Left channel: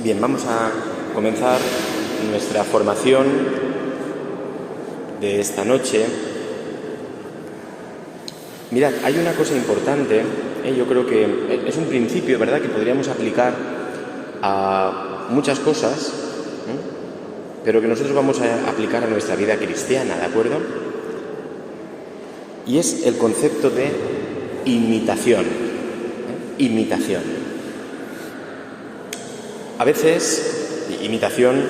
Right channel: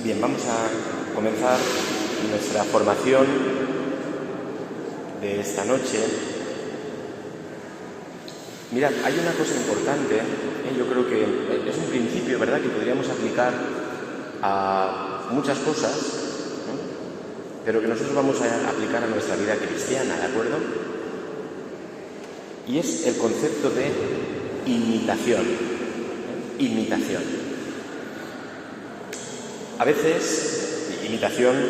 Bien, vamos a comenzar nuestra formación de esta noche. Mirad, hay una cosa importante, yo creo que es un principio, ¿verdad?, que podríamos aplicar a muchas cosas, pero que nosotros vamos a aplicar a nuestra vida cristiana, ¿de acuerdo? Y es el concepto de imitación. Imitación. A veces, imitación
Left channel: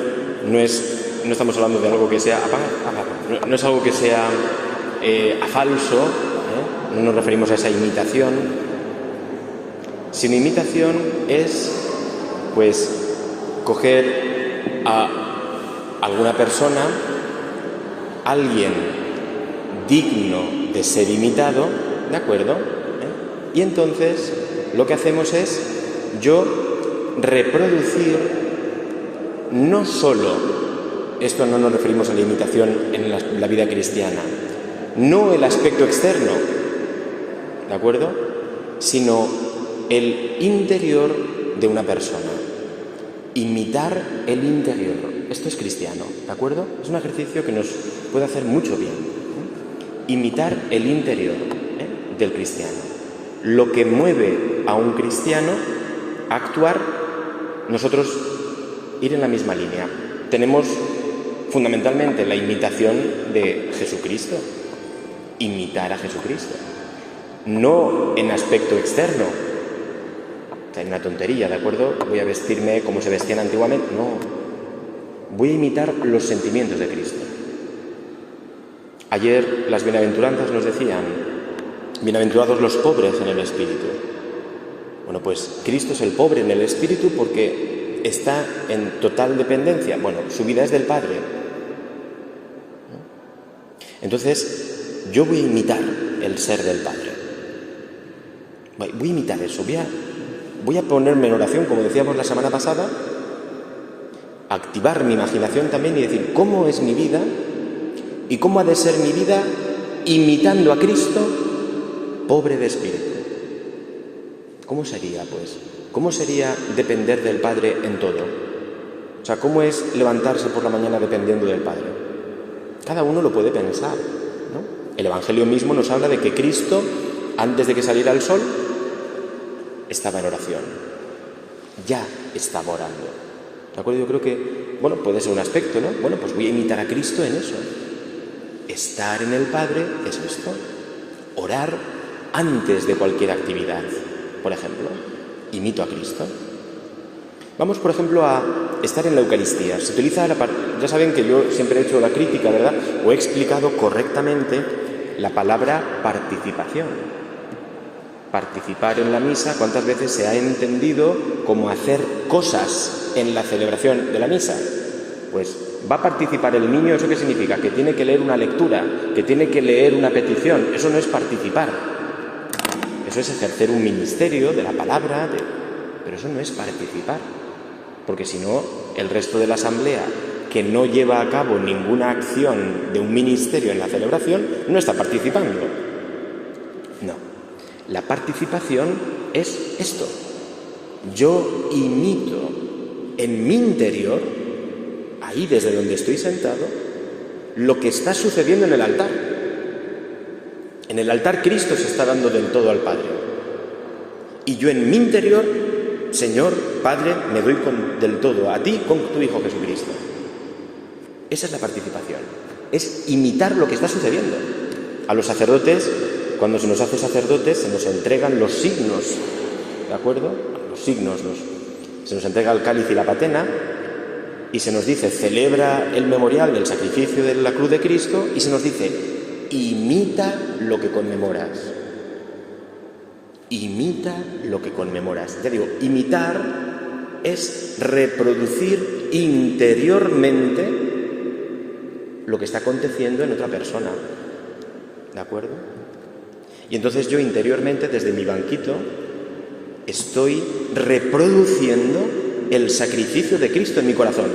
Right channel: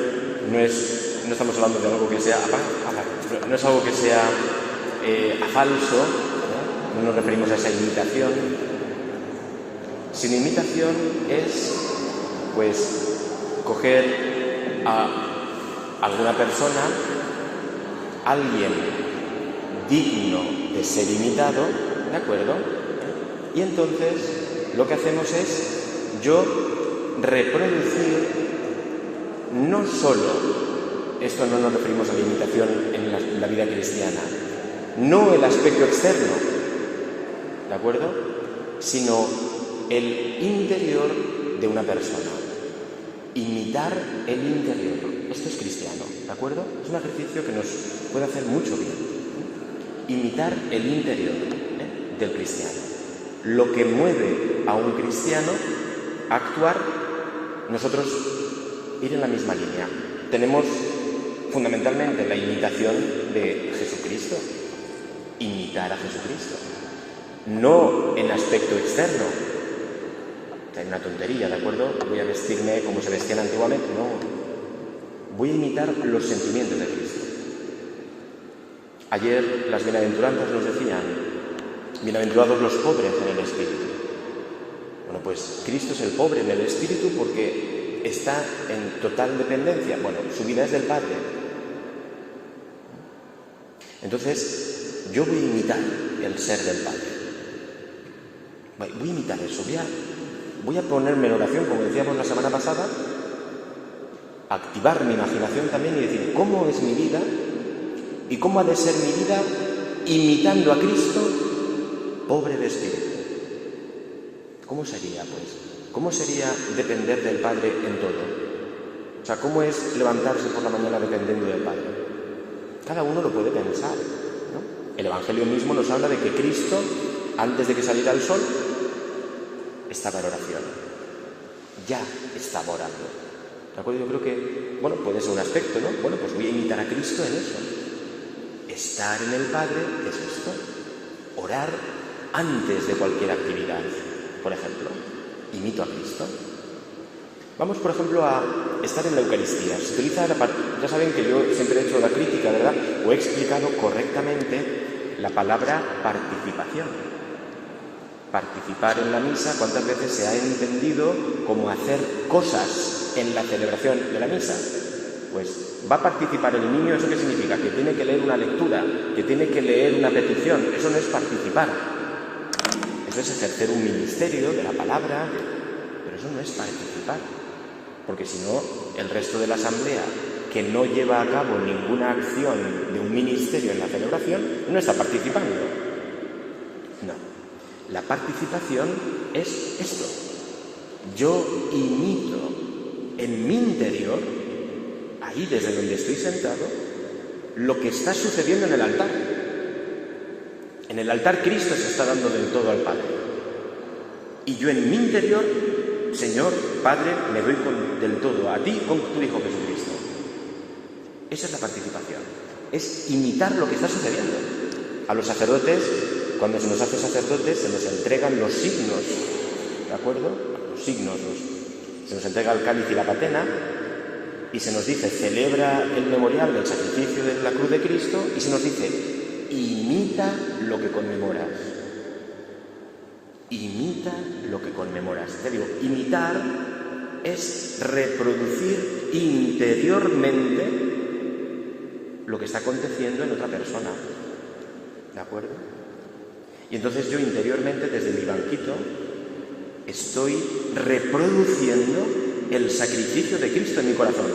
no estamos hablando de algo que sea no es algo que sea falso, no nos referimos a esa imitación, sino imitación es, pues, coger a alguna persona, alguien digno de ser imitado, ¿de acuerdo? Y entonces lo que hacemos es reproducir no solo, esto no nos referimos a la imitación en la vida cristiana, no el aspecto externo, ¿de acuerdo?, sino el interior de una persona. Imitar el interior. Esto es cristiano, ¿de acuerdo? Es un ejercicio que nos puede hacer mucho bien. Imitar el interior del cristiano. Lo que mueve a un cristiano a actuar, nosotros ir en la misma línea. Tenemos fundamentalmente la imitación de Jesucristo. Imitar a Jesucristo. No en aspecto externo. Hay una tontería, ¿de acuerdo? Voy a vestirme como se vestían antiguamente. No. Voy a imitar los sentimientos de Cristo. Ayer las bienaventuranzas nos decían: bienaventurados los pobres en el espíritu. Bueno, pues Cristo es el pobre en el espíritu porque está en total dependencia. Bueno, su vida es del Padre. Entonces, yo voy a imitar el ser del Padre. Voy a imitar eso. Voy a ponerme en oración, como decíamos la semana pasada, activar mi imaginación también y decir cómo es mi vida y cómo ha de ser mi vida imitando a Cristo, pobre de espíritu. ¿Cómo sería, pues? ¿Cómo sería depender del Padre en todo? O sea, ¿cómo es levantarse por la mañana dependiendo del Padre? Cada uno lo puede pensar, ¿no? El Evangelio mismo nos habla de que Cristo, antes de que saliera el sol, estaba en oración. Ya estaba orando. ¿De acuerdo? Yo creo que, bueno, puede ser un aspecto, ¿no? Bueno, pues voy a imitar a Cristo en eso. Estar en el Padre es esto. Orar antes de cualquier actividad. Por ejemplo, imito a Cristo. Vamos, por ejemplo, a estar en la Eucaristía. Se utiliza ya saben que yo siempre he hecho la crítica, ¿verdad? O he explicado correctamente la palabra participación. Participar en la misa, ¿cuántas veces se ha entendido como hacer cosas en la celebración de la misa? Pues va a participar el niño, ¿eso qué significa? Que tiene que leer una lectura, que tiene que leer una petición. Eso no es participar. Eso es ejercer un ministerio de la palabra, pero eso no es participar. Porque si no, el resto de la asamblea, que no lleva a cabo ninguna acción de un ministerio en la celebración, no está participando. No. La participación es esto. Yo imito en mi interior, ahí desde donde estoy sentado, lo que está sucediendo en el altar. En el altar Cristo se está dando del todo al Padre. Y yo en mi interior, Señor, Padre, me doy del todo a ti con tu Hijo Jesucristo. Esa es la participación. Es imitar lo que está sucediendo. A los sacerdotes, cuando se nos hace sacerdotes, se nos entregan los signos, ¿de acuerdo? Los signos, se nos entrega el cáliz y la patena, y se nos dice, celebra el memorial del sacrificio de la cruz de Cristo, y se nos dice, imita lo que conmemoras. Imita lo que conmemoras. Ya digo, imitar es reproducir interiormente lo que está aconteciendo en otra persona. ¿De acuerdo? Y entonces yo interiormente, desde mi banquito, estoy reproduciendo el sacrificio de Cristo en mi corazón.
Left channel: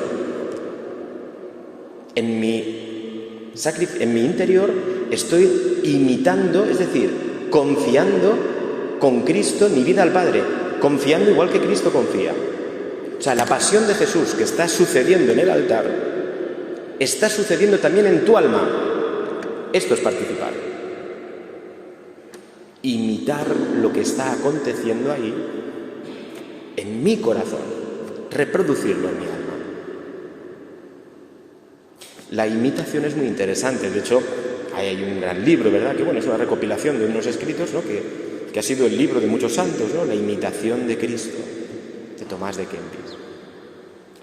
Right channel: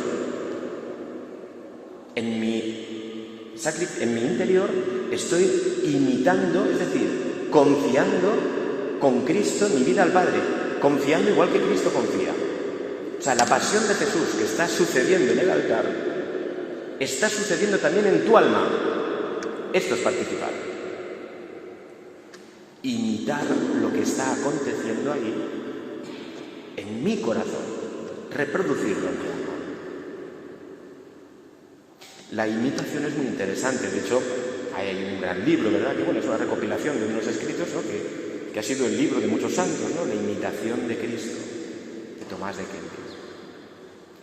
En mi interior estoy imitando, es decir, confiando con Cristo mi vida al Padre, confiando igual que Cristo confía. O sea, la pasión de Jesús que está sucediendo en el altar, está sucediendo también en tu alma. Esto es participar. Imitar lo que está aconteciendo ahí en mi corazón, reproducirlo en mi alma. La imitación es muy interesante. De hecho, hay un gran libro, ¿verdad? Que bueno, es una recopilación de unos escritos, ¿no? que ha sido el libro de muchos santos, ¿no? La imitación de Cristo, de Tomás de Kempis.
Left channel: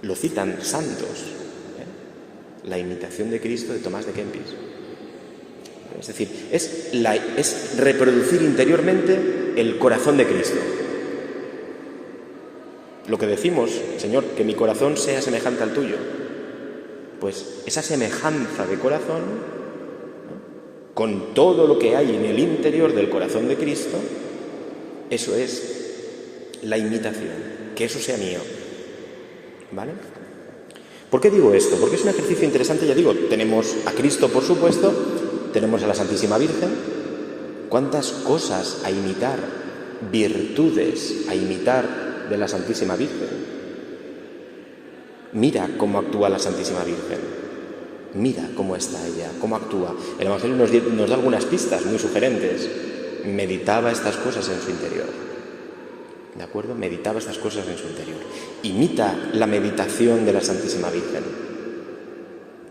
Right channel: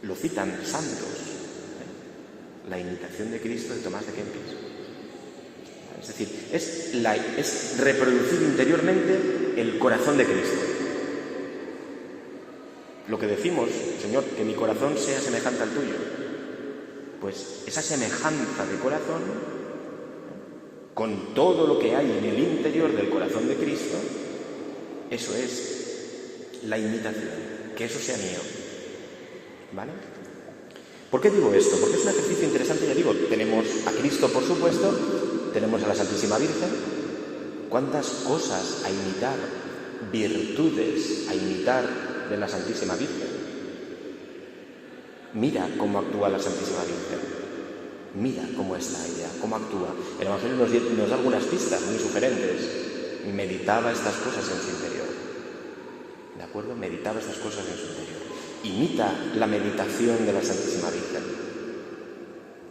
Lo citan santos, ¿eh? La imitación de Cristo de Tomás de Kempis. Es decir, es reproducir interiormente el corazón de Cristo. Lo que decimos, Señor, que mi corazón sea semejante al tuyo. Pues esa semejanza de corazón, ¿no? Con todo lo que hay en el interior del corazón de Cristo, eso es la imitación, que eso sea mío. ¿Vale? ¿Por qué digo esto? Porque es un ejercicio interesante, ya digo, tenemos a Cristo, por supuesto, tenemos a la Santísima Virgen. ¿Cuántas cosas a imitar, virtudes a imitar de la Santísima Virgen? Mira cómo actúa la Santísima Virgen. Mira cómo está ella, cómo actúa. El Evangelio nos da algunas pistas muy sugerentes. Meditaba estas cosas en su interior. ¿De acuerdo? Meditaba estas cosas en su interior. Imita la meditación de la Santísima Virgen.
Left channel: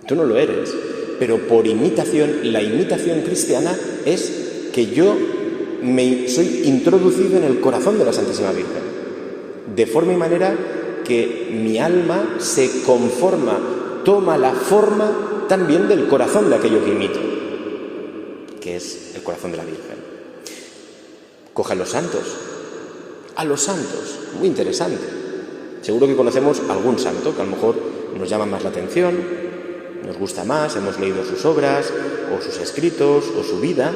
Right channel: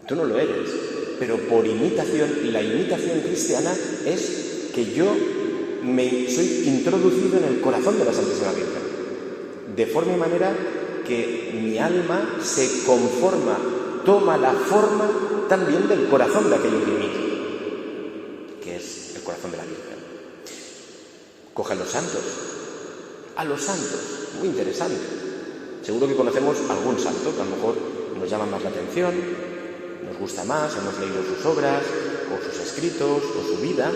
Tú no lo eres, pero por imitación, la imitación cristiana es que yo soy introducido en el corazón de la Santísima Virgen. De forma y manera que mi alma se conforma, toma la forma también del corazón de aquello que imito, que es el corazón de la Virgen. Coge a los santos, muy interesante. Seguro que conocemos algún santo que a lo mejor nos llama más la atención, nos gusta más, hemos leído sus obras, o sus escritos, o su vida.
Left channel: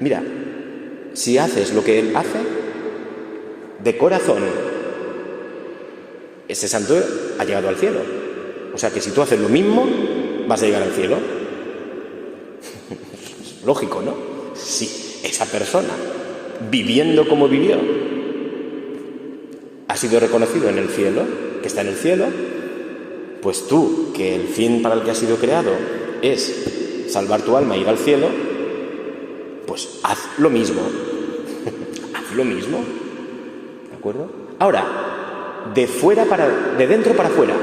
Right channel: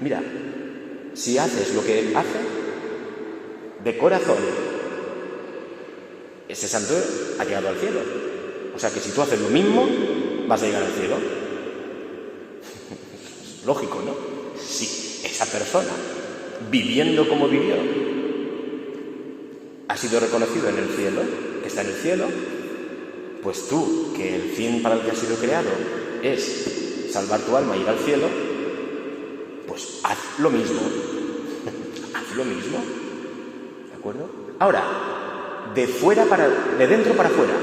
Mira, si haces lo que él hace, de corazón, ese santo ha llegado al cielo. O sea que si tú haces lo mismo, vas a llegar al cielo. Lógico, ¿no? Si esa persona, viviendo como vivió, ha sido reconocido en el cielo, que está en el cielo, pues tú, que el fin para el que has sido creado es salvar tu alma e ir al cielo, pues haz lo mismo. Haz lo mismo. ¿De acuerdo? Ahora, de dentro para afuera.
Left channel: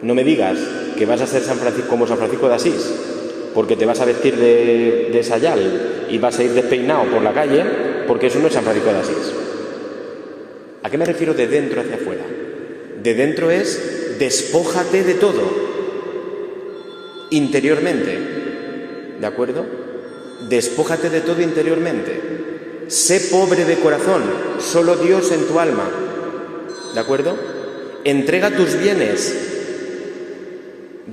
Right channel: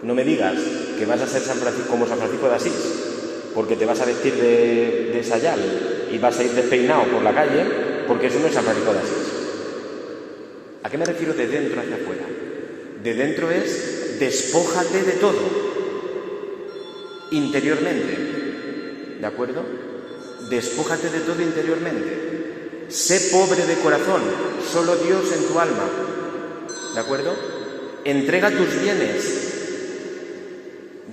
No me digas que vas a ser como San Francisco de Asís, porque te vas a vestir de sayal y vas a ir despeinado por la calle, porque eso no es San Francisco de Asís. ¿A qué me refiero de dentro hacia afuera? De dentro es despójate de todo, interiormente. ¿De acuerdo? Despójate de todo interiormente. Sé pobre de corazón, solo Dios en tu alma. ¿De acuerdo? Entrega tus bienes.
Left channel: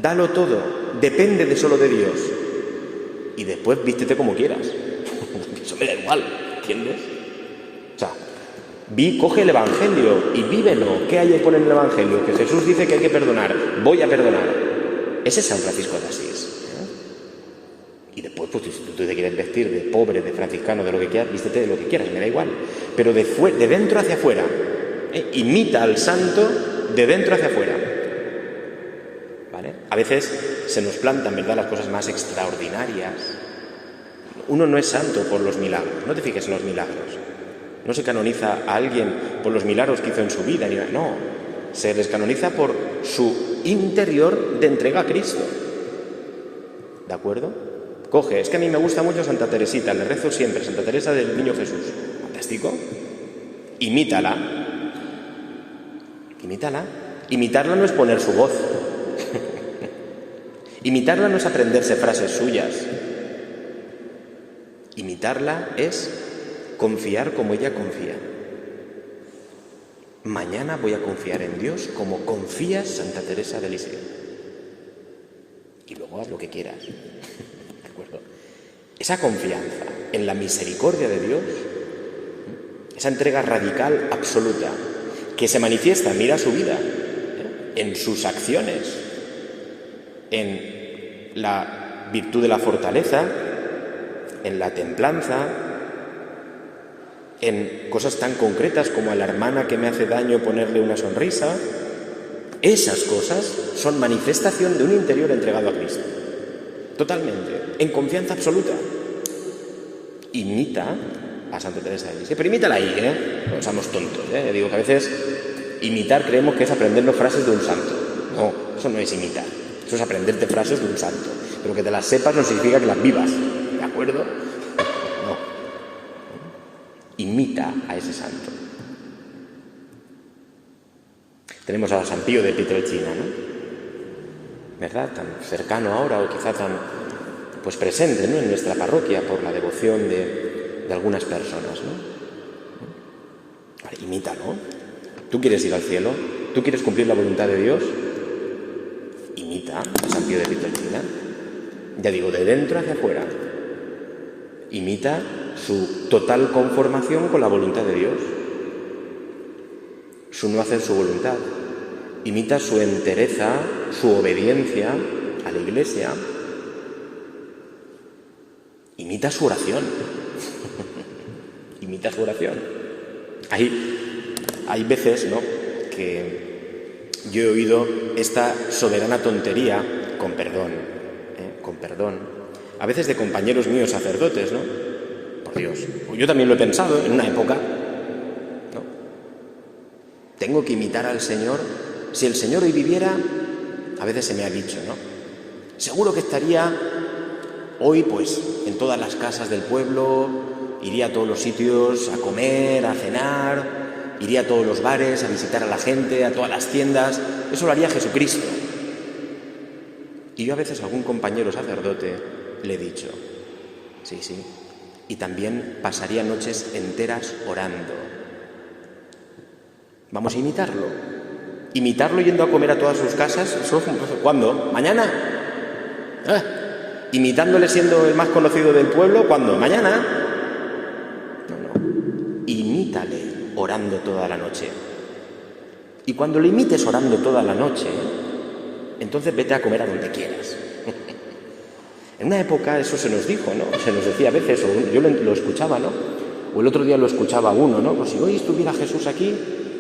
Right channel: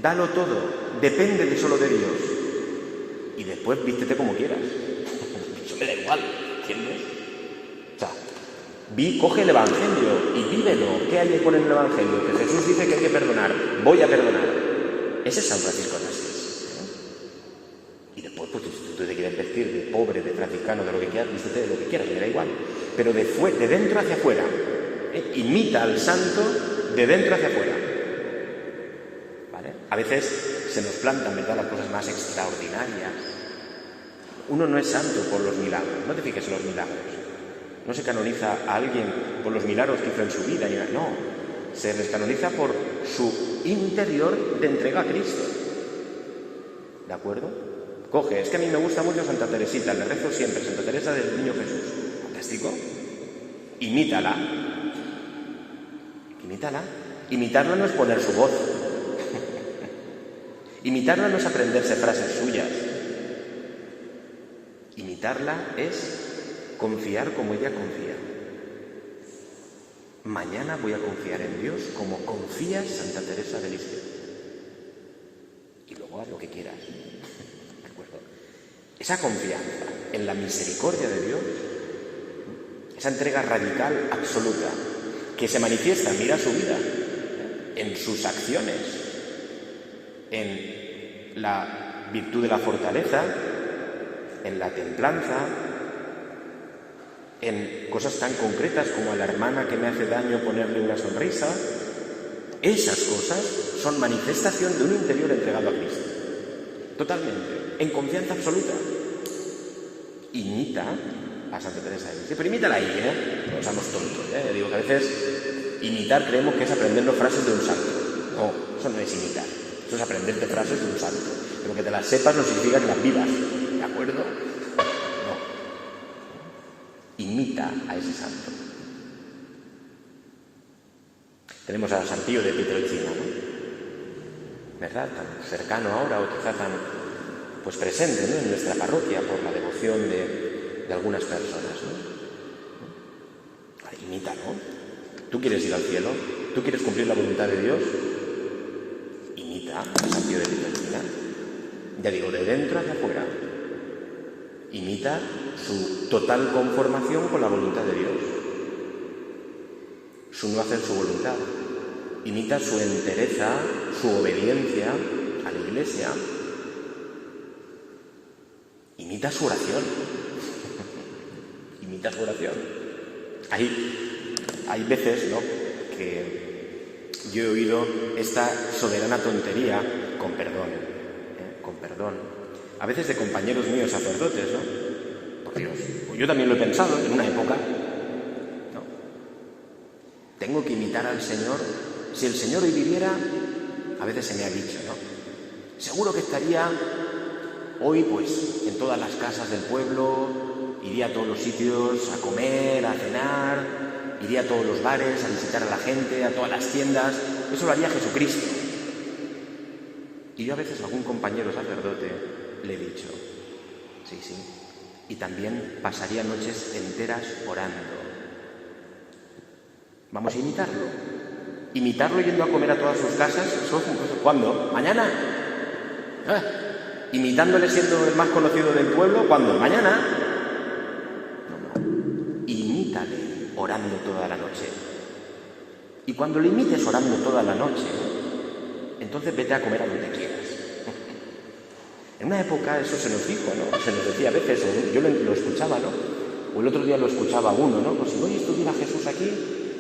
Dalo todo, depende de solo de Dios. Y después vístete como quieras. Eso me da igual, ¿entiendes? O sea, coge el Evangelio y vívelo. ¿Qué hay que poner en el Evangelio? Que Jesús dice que hay que perdonar. Voy a perdonar. Ese es San Francisco de Asís. Y después, pues, si tú te quieres vestir de pobre, de franciscano, de lo que quieras, vístete de lo que quieras, me da igual. Pero de dentro hacia afuera. Imita al santo de dentro hacia afuera. ¿Vale? A veces se nos plantan, ¿verdad?, las cosas más extraordinarias. Uno no es santo por los milagros. No te fijes en los milagros. No se canoniza a alguien por los milagros que hizo en su vida. No, se les canoniza por su interior de entrega a Cristo. ¿De acuerdo? Coge, es que a mí me gusta mucho Santa Teresita, le rezo siempre, Santa Teresa del Niño Jesús. Fantástico. Imítala. Imitarla no es poner su voz. Imitarla no es aprenderse frases suyas. Imitarla es confiar como ella confía. Mañana voy a confiar en Dios como confía Santa Teresa de Lisieux. Y luego haz lo que quieras. ¿De acuerdo? Esa confianza en la misericordia de Dios, esa entrega radical, absoluta, que se manifiesta, mira su vida, en sus acciones, en la virtud de la fortaleza, en la templanza, en cosas tan concretas como a la hermana que me hace daño ponerle una sonrisa. Esas cosas son manifestación de un interior entregado a Cristo. Totalmente, en confianza absoluta. Imita a Santa Teresa de Lisieux, pero imítala ahí, no seamos tontos, Digo que a veces imitar creemos que es aprendernos frases de un santo. No, eso no es imitar, eso es aprenderte frases de un santo. Pero que te las sepas no significa que las vivas, ¿de acuerdo? No. Imita a ese santo. Tenemos a San Pío de Pietrelcina, ¿no? ¿Verdad? Tan cercano ahora, o quizá tan presente, ¿no?, en nuestra parroquia por la devoción de algunas personas, ¿no? Vale, imítalo. ¿Tú quieres ir al cielo? ¿Tú quieres cumplir la voluntad de Dios? Imita a San Pío de Pietrelcina. Ya digo, de dentro hacia afuera. Imita su total conformación con la voluntad de Dios. Su no hacer su voluntad. Imita su entereza, su obediencia a la Iglesia. Imita su oración. Imita su oración. Hay veces, ¿no?, que yo he oído esta soberana tontería, con perdón, a veces de compañeros míos sacerdotes, ¿no? Por Dios, yo también lo he pensado en una época, ¿no? Tengo que imitar al Señor. Si el Señor hoy viviera, a veces se me ha dicho, ¿no?, seguro que estaría hoy, en todas las casas del pueblo, iría a todos los sitios a comer, a cenar, iría a todos los bares, a visitar a la gente, a todas las tiendas. Eso lo haría Jesucristo. Y yo a veces a algún compañero sacerdote le he dicho, sí, y también pasaría noches enteras orando. Vamos a imitarlo. Imitarlo yendo a comer a todas sus casas, ¿cuándo? ¿Mañana? Imitándole siendo el más conocido del pueblo, ¿cuándo? ¿Mañana? No. Imítale orando toda la noche. Y cuando le imites orando toda la noche, entonces vete a comer a donde quieras. En una época eso se nos dijo, ¿no? Se nos decía a veces, o yo lo escuchaba, ¿no? O el otro día lo escuchaba uno, ¿no? Pues si hoy estuviera Jesús aquí,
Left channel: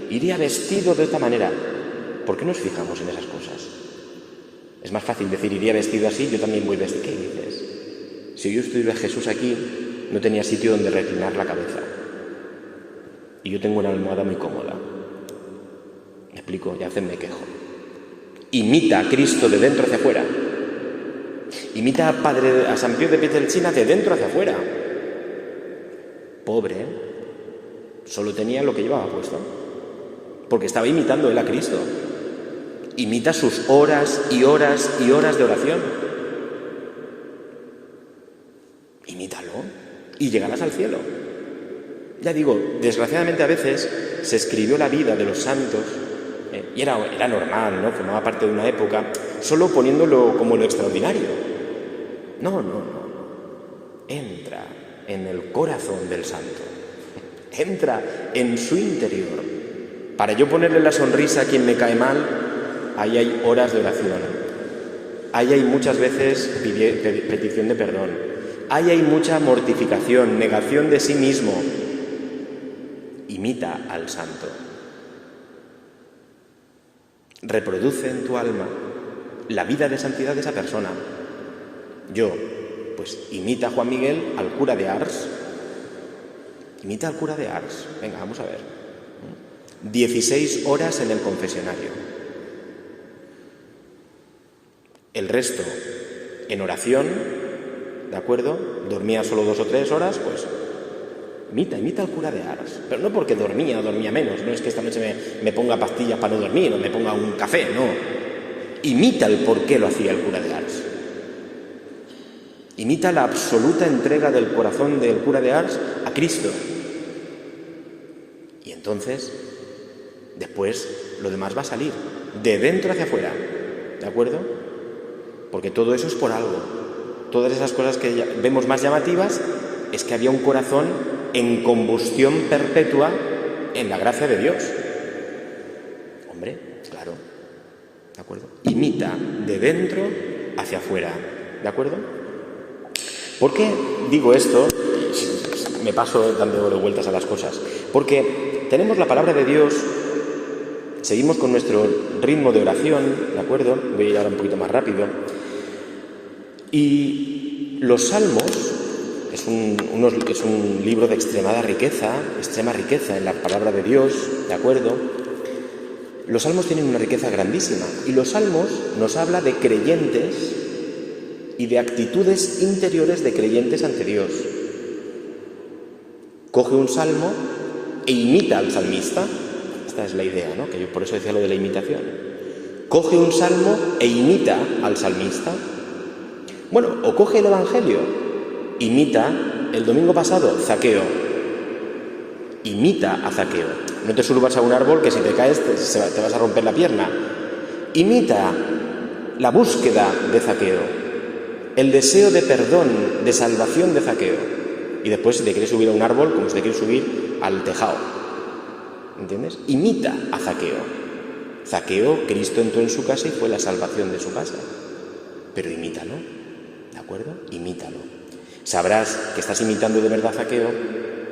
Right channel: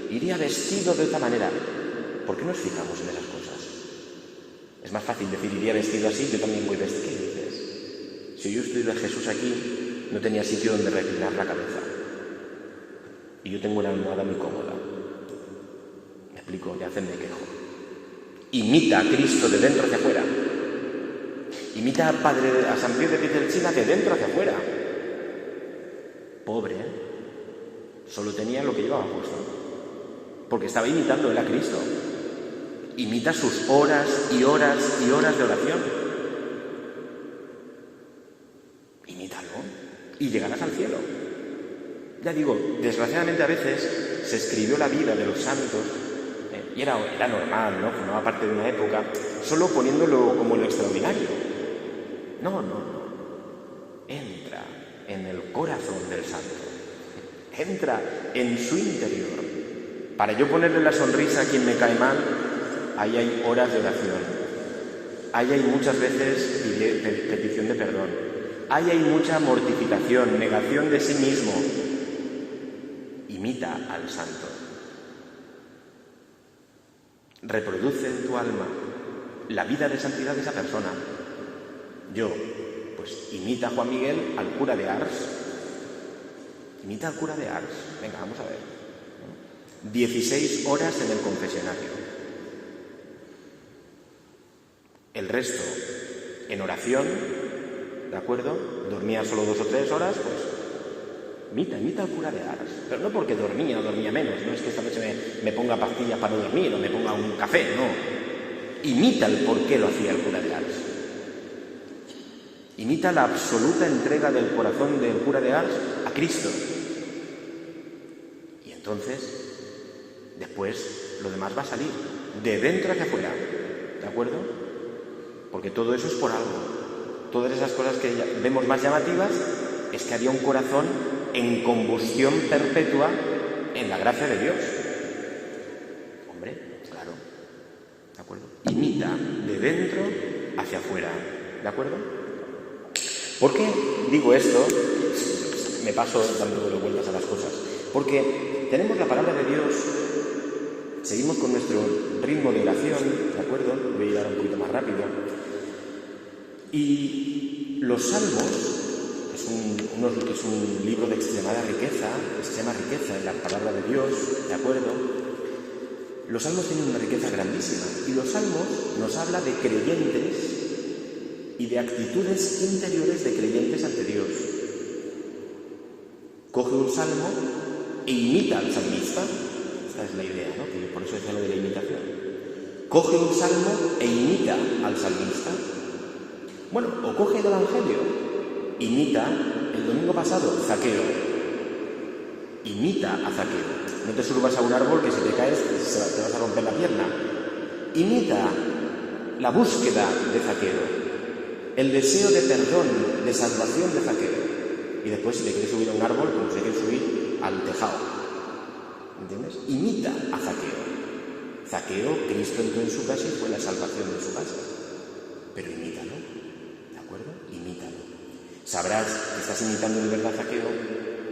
iría vestido de esta manera. ¿Por qué nos fijamos en esas cosas? Es más fácil decir, iría vestido así, yo también voy vestido. ¿Qué dices? Si yo estuviera Jesús aquí, no tenía sitio donde reclinar la cabeza. Y yo tengo una almohada muy cómoda. ¿Me explico? Ya me quejo. Imita a Cristo de dentro hacia afuera. Imita a San Pío de Pietrelcina de dentro hacia afuera. Pobre, solo tenía lo que llevaba puesto. Porque estaba imitando él a Cristo. Imita sus horas y horas y horas de oración. Imítalo y llegarás al cielo. Ya digo, desgraciadamente a veces se escribió la vida de los santos, y era normal, ¿no?, formaba parte de una época, solo poniéndolo como lo extraordinario. No. Entra en el corazón del santo. Entra en su interior. Para yo ponerle la sonrisa a quien me cae mal, ahí hay horas de oración. Ahí hay muchas veces petición de perdón. Ahí hay mucha mortificación, negación de sí mismo. Imita al santo. Reproduce en tu alma la vida de santidad de esa persona. Yo, imita a Juan Miguel, al cura de Ars. Imita al cura de Ars. Venga, vamos a ver. 16 horas en el confesionario. El resto en oración, ¿de acuerdo? Dormía solo 2 o 3 horas, imita al cura de Ars. Pero no porque dormía menos, no es que esta noche me ponga pastillas para no dormir o me ponga un café, no. Imita el por qué lo hacía el cura de Ars. Imita la absoluta entrega del corazón del cura de Ars a Cristo. Y entonces, después, lo demás va a salir, de dentro hacia afuera, ¿de acuerdo? Porque todo eso es por algo. Todas esas cosas que vemos más llamativas es que había un corazón en combustión perpetua en la gracia de Dios. Hombre, claro, ¿de acuerdo? Imita de dentro hacia afuera, ¿de acuerdo? ¿Por qué digo esto? me paso dando vueltas a las cosas. Porque tenemos la palabra de Dios, seguimos con nuestro ritmo de oración, ¿de acuerdo? Voy a ir ahora un poquito más rápido. Y los salmos es un libro de extrema riqueza en la palabra de Dios, ¿de acuerdo? Los salmos tienen una riqueza grandísima y los salmos nos habla de creyentes y de actitudes interiores de creyentes ante Dios. Coge un salmo e imita al salmista. Esta es la idea, ¿no? Que yo por eso decía lo de la imitación. Coge un salmo e imita al salmista. Bueno, o coge el Evangelio, imita el domingo pasado Zaqueo. Imita a Zaqueo. No te subas a un árbol que si te caes te vas a romper la pierna. Imita la búsqueda de Zaqueo, el deseo de perdón, de salvación de Zaqueo. Y después, si te quieres subir a un árbol, como si te quieres subir al tejado. ¿Entiendes? Imita a Zaqueo. Zaqueo, Cristo entró en su casa y fue la salvación de su casa. Pero imítalo, ¿de acuerdo? Imítalo. Sabrás que estás imitando de verdad a Zaqueo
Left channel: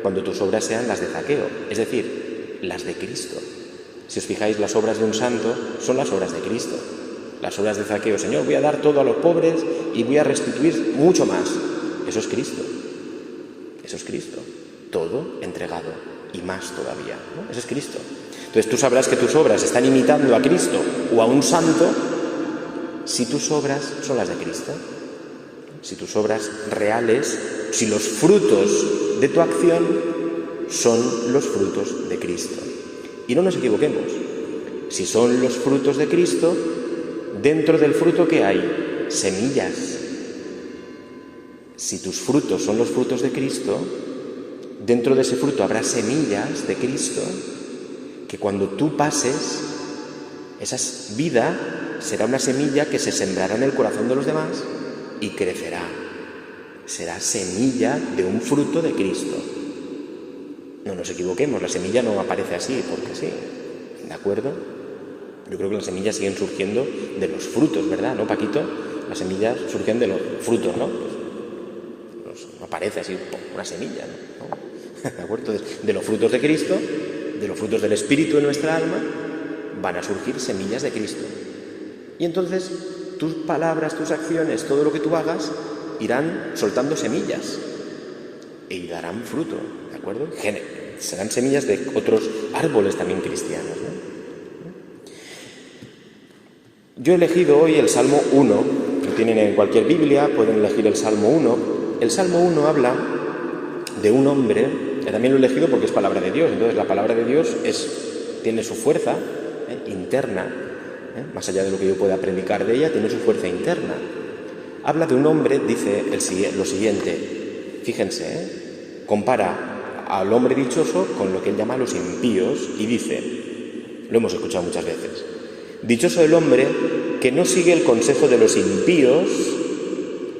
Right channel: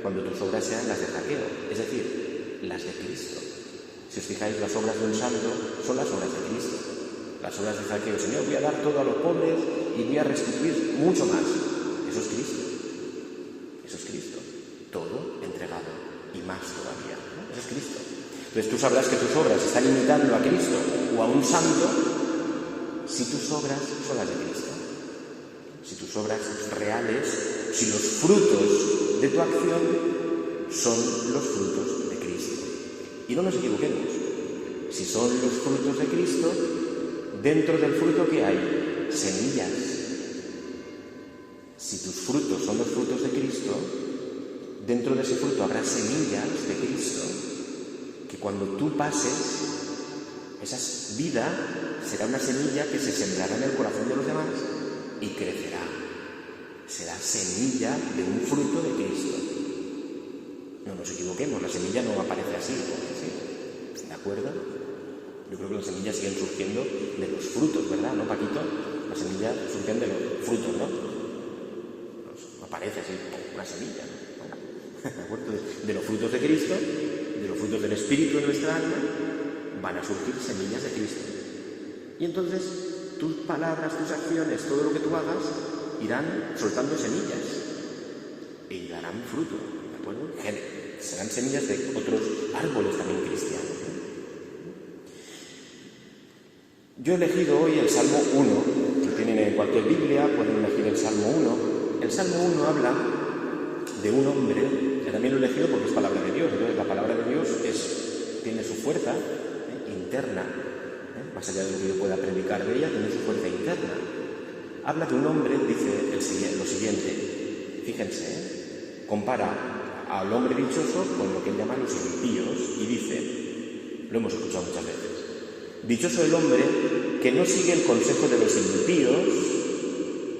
cuando tus obras sean las de Zaqueo, es decir, las de Cristo. Si os fijáis, las obras de un santo son las obras de Cristo. Las obras de Zaqueo, Señor, voy a dar todo a los pobres y voy a restituir mucho más. Eso es Cristo. Eso es Cristo. Todo entregado y más todavía, ¿no? Eso es Cristo. Entonces tú sabrás que tus obras están imitando a Cristo o a un santo si tus obras son las de Cristo. Si tus obras reales, si los frutos de tu acción son los frutos de Cristo. Y no nos equivoquemos. Si son los frutos de Cristo, dentro del fruto que hay, semillas. Si tus frutos son los frutos de Cristo, dentro de ese fruto habrá semillas de Cristo que cuando tú pases, esa vida será una semilla que se sembrará en el corazón de los demás y crecerá. Será semilla de un fruto de Cristo. No nos equivoquemos, la semilla no aparece así porque sí, ¿de acuerdo? Yo creo que las semillas siguen surgiendo de los frutos, ¿verdad? ¿No, Paquito? Las semillas surgen de los frutos, ¿no? No aparece así una semilla, ¿no? ¿De acuerdo? Entonces, de los frutos de Cristo, de los frutos del Espíritu en nuestra alma, van a surgir semillas de Cristo. Y entonces tus palabras, tus acciones, todo lo que tú hagas, irán soltando semillas y darán fruto, ¿de acuerdo? Serán semillas de otros árboles también cristianos, ¿no? Yo he elegido hoy el Salmo 1, lo tienen en cualquier Biblia, pueden elegir el Salmo 1. El Salmo 1 habla de un hombre, también lo he elegido porque es palabra de Dios, entonces la palabra de Dios tiene su fuerza interna, más allá de lo que yo pueda predicar de ella, tiene su fuerza interna. Habla de un hombre, dice lo siguiente, fíjense, compara al hombre dichoso con lo que él llama los impíos y dice, lo hemos escuchado muchas veces, dichoso el hombre que no sigue el consejo de los impíos,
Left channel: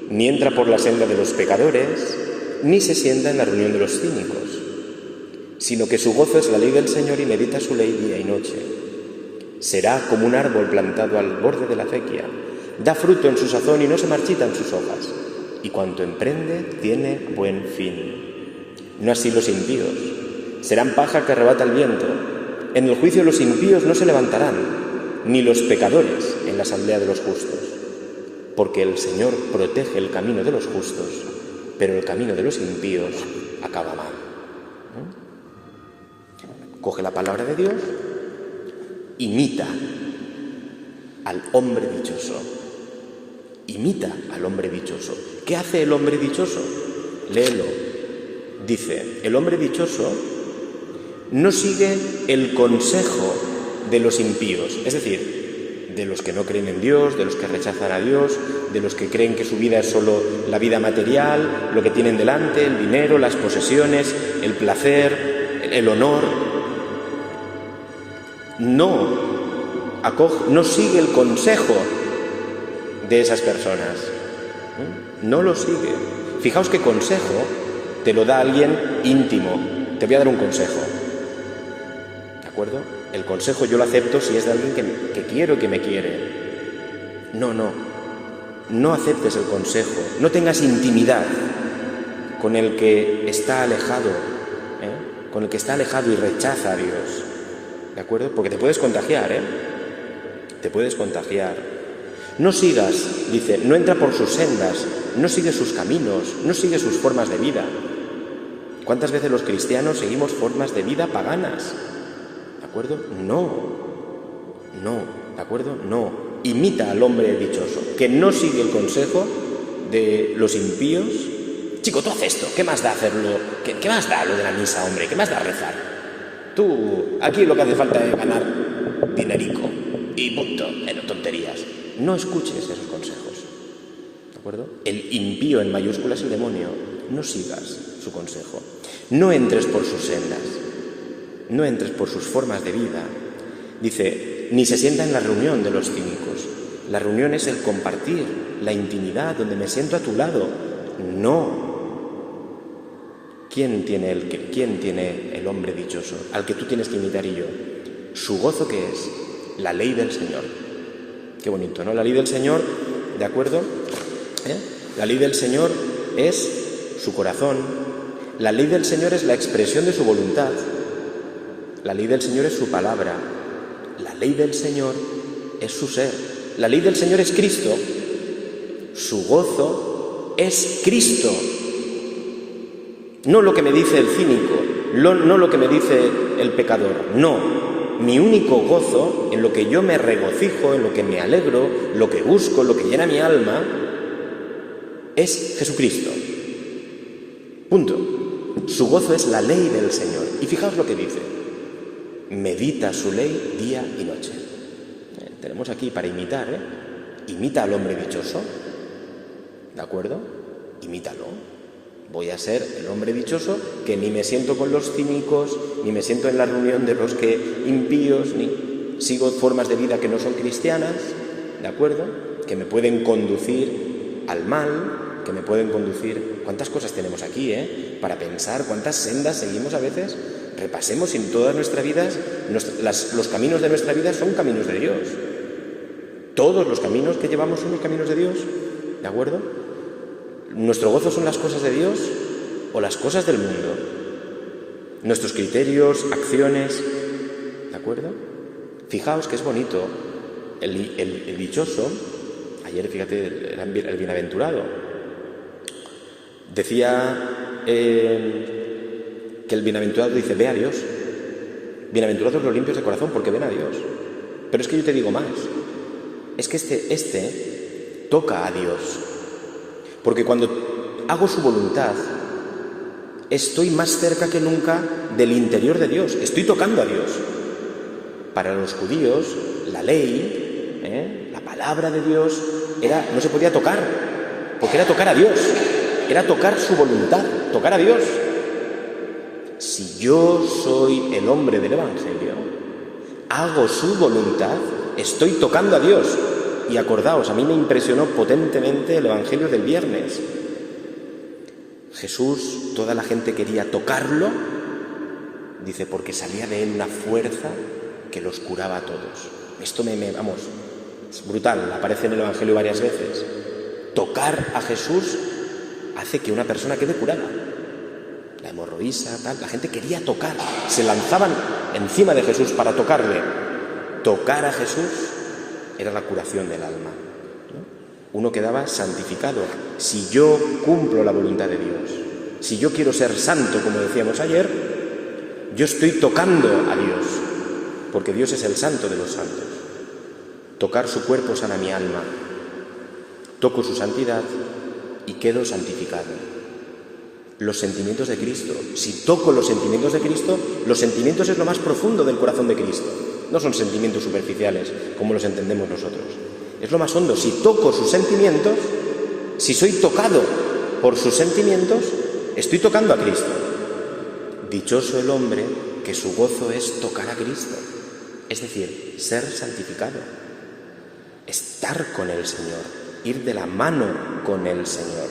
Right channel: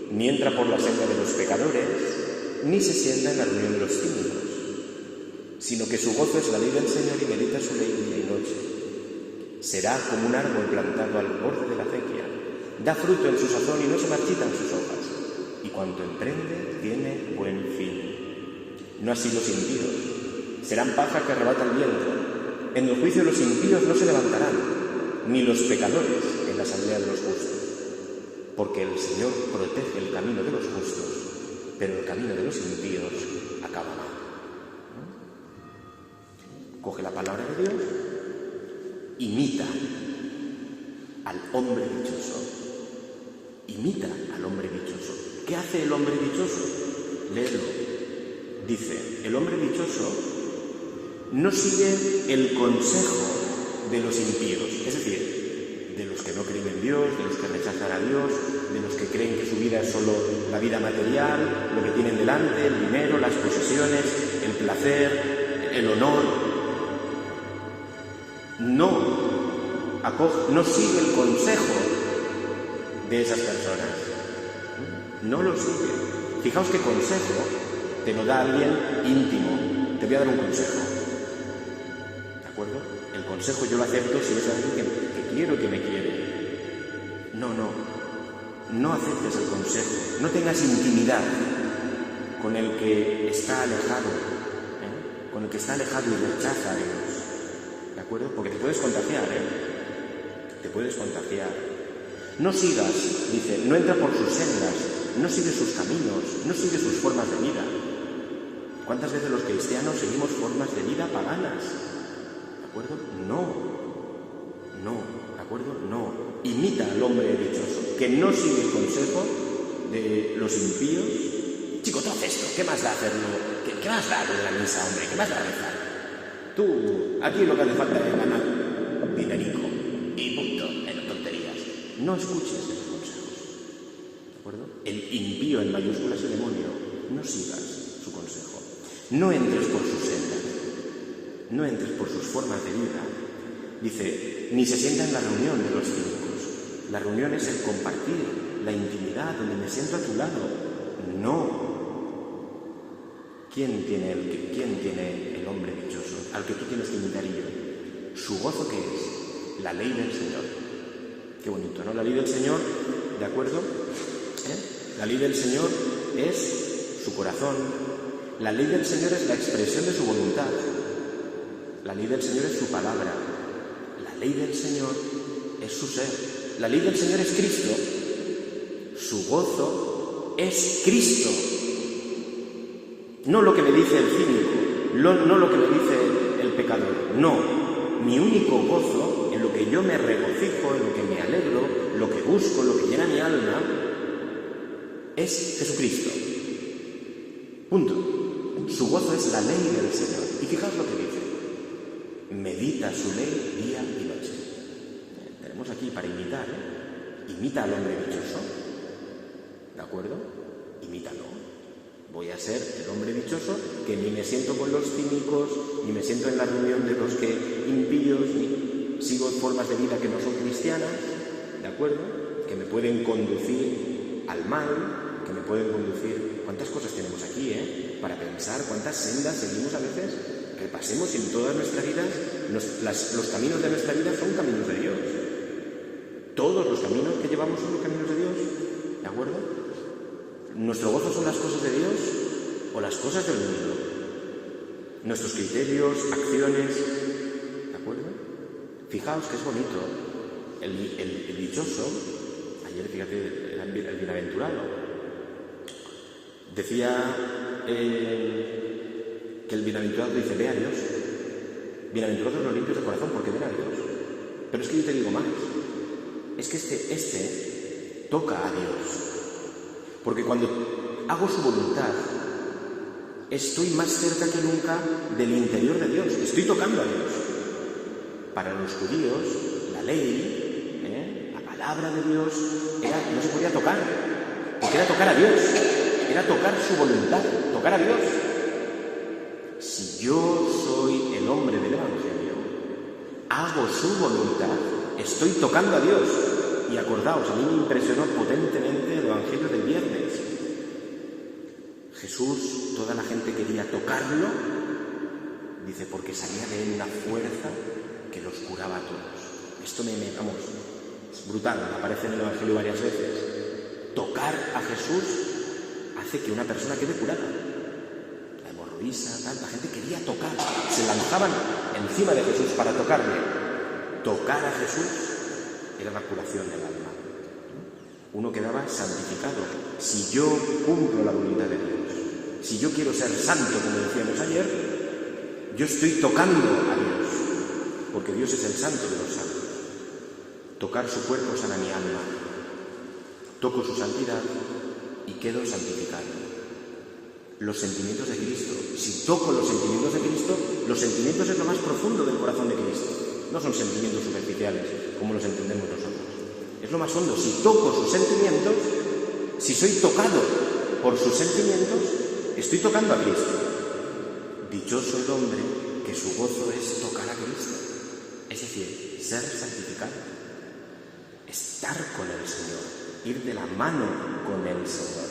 ni entra por la senda de los pecadores, ni se sienta en la reunión de los cínicos, sino que su gozo es la ley del Señor y medita su ley día y noche. Será como un árbol plantado al borde de la acequia, da fruto en su sazón y no se marchitan sus hojas, y cuanto emprende tiene buen fin. No así los impíos, serán paja que arrebata el viento. En el juicio los impíos no se levantarán, ni los pecadores en la asamblea de los justos, porque el Señor protege el camino de los justos, pero el camino de los impíos acaba mal. Coge la palabra de Dios, imita al hombre dichoso. Imita al hombre dichoso. ¿Qué hace el hombre dichoso? Léelo. Dice, el hombre dichoso no sigue el consejo de los impíos, es decir, de los que no creen en Dios, de los que rechazan a Dios, de los que creen que su vida es solo la vida material, lo que tienen delante, el dinero, las posesiones, el placer, el honor. No sigue el consejo de esas personas. No lo sigue. Fijaos qué consejo te lo da alguien íntimo. Te voy a dar un consejo. ¿De acuerdo? El consejo yo lo acepto si es de alguien que quiero, que me quiere. No aceptes el consejo. No tengas intimidad con el que está alejado, con el que está alejado y rechaza a Dios, ¿de acuerdo? Porque te puedes contagiar, te puedes contagiar. No sigas, dice, no entra por sus sendas, no sigue sus caminos, no sigue sus formas de vida. ¿Cuántas veces los cristianos seguimos formas de vida paganas? ¿De acuerdo? No, ¿de acuerdo? No. Imita al hombre dichoso, que no sigue el consejo de los impíos. Chico, tú haces esto, ¿qué más da hacerlo? ¿Qué más da lo de la misa, hombre? ¿Qué más da rezar? Tú, aquí lo que hace falta es ganar dinerico y punto, en tonterías. No escuches esos consejos, ¿de acuerdo? El impío en mayúsculas y el demonio, no sigas su consejo. No entres por sus sendas, no entres por sus formas de vida. Dice, ni se sienta en la reunión de los cínicos. La reunión es el compartir, la intimidad, donde me siento a tu lado. No. ¿Quién tiene el hombre dichoso? Al que tú tienes que imitar y yo. ¿Su gozo qué es? La ley del Señor. Qué bonito, ¿no? La ley del Señor, ¿de acuerdo? La ley del Señor es su corazón. La ley del Señor es la expresión de su voluntad. La ley del Señor es su palabra. La ley del Señor es su ser. La ley del Señor es Cristo. Su gozo es Cristo. No lo que me dice el cínico, no lo que me dice el pecador, no. Mi único gozo, en lo que yo me regocijo, en lo que me alegro, lo que busco, lo que llena mi alma, es Jesucristo. Punto. Su gozo es la ley del Señor. Y fijaos lo que dice. Medita su ley día y noche. Tenemos aquí para imitar, Imita al hombre dichoso. ¿De acuerdo? Imítalo. Voy a ser el hombre dichoso que ni me siento con los cínicos, ni me siento en la reunión de los que impíos, ni sigo formas de vida que no son cristianas, ¿de acuerdo? Que me pueden conducir al mal, que me pueden conducir... ¿Cuántas cosas tenemos aquí, para pensar? ¿Cuántas sendas seguimos a veces? Repasemos si en todas nuestras vidas, los caminos de nuestra vida son caminos de Dios. Todos los caminos que llevamos son los caminos de Dios, ¿de acuerdo? ¿Nuestro gozo son las cosas de Dios o las cosas del mundo? Nuestros criterios, acciones, ¿de acuerdo? Fijaos que es bonito. El dichoso, ayer fíjate, el bienaventurado, decía que el bienaventurado dice, ve a Dios. Bienaventurados los limpios de corazón porque ven a Dios. Pero es que yo te digo más, es que este toca a Dios. Porque cuando hago su voluntad, estoy más cerca que nunca del interior de Dios. Estoy tocando a Dios. Para los judíos, la ley, la palabra de Dios, no se podía tocar, porque era tocar a Dios. Era tocar su voluntad, tocar a Dios. Si yo soy el hombre del Evangelio, hago su voluntad, estoy tocando a Dios. Y acordaos, a mí me impresionó potentemente el Evangelio del viernes. Jesús, toda la gente quería tocarlo, dice, porque salía de él una fuerza que los curaba a todos. Esto vamos, es brutal, aparece en el Evangelio varias veces. Tocar a Jesús hace que una persona quede curada. La hemorroísa, tal, la gente quería tocar, se lanzaban encima de Jesús para tocarle. Tocar a Jesús era la curación del alma. Uno quedaba santificado. Si yo cumplo la voluntad de Dios, si yo quiero ser santo, como decíamos ayer, yo estoy tocando a Dios, porque Dios es el santo de los santos. Tocar su cuerpo sana mi alma. Toco su santidad y quedo santificado. Los sentimientos de Cristo. Si toco los sentimientos de Cristo, los sentimientos es lo más profundo del corazón de Cristo. No son sentimientos superficiales, como los entendemos nosotros. Es lo más hondo. Si toco sus sentimientos, si soy tocado por sus sentimientos, estoy tocando a Cristo. Dichoso el hombre que su gozo es tocar a Cristo. Es decir, ser santificado. Estar con el Señor. Ir de la mano con el Señor.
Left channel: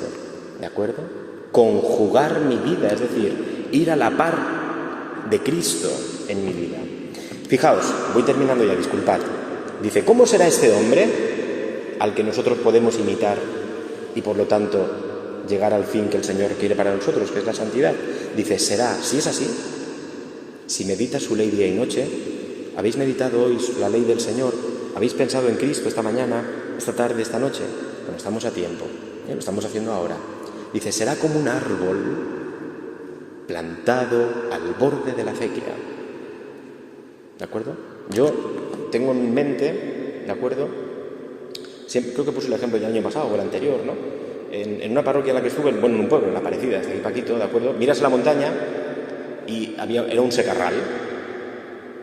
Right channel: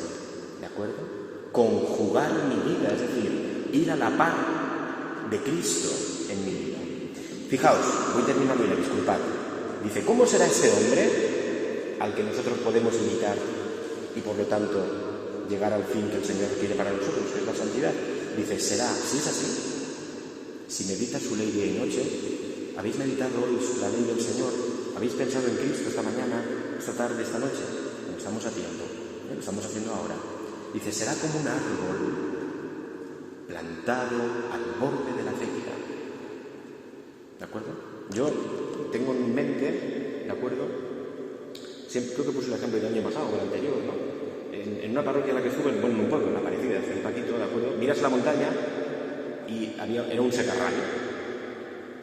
¿De acuerdo? Conjugar mi vida, es decir, ir a la par de Cristo en mi vida. Fijaos, voy terminando ya, disculpad. Dice, ¿cómo será este hombre al que nosotros podemos imitar y por lo tanto llegar al fin que el Señor quiere para nosotros, que es la santidad. Dice, será, si es así, si meditas su ley día y noche, habéis meditado hoy la ley del Señor, habéis pensado en Cristo esta mañana, esta tarde, esta noche. Bueno, estamos a tiempo, lo estamos haciendo ahora. Dice, será como un árbol plantado al borde de la acequia. ¿De acuerdo? Yo tengo en mente, ¿de acuerdo? Siempre, creo que puse el ejemplo del año pasado o el anterior, ¿no? En una parroquia en la que estuve, bueno, en un pueblo, en la Parecida, hasta aquí Paquito, ¿de acuerdo? Miras la montaña y era un secarral.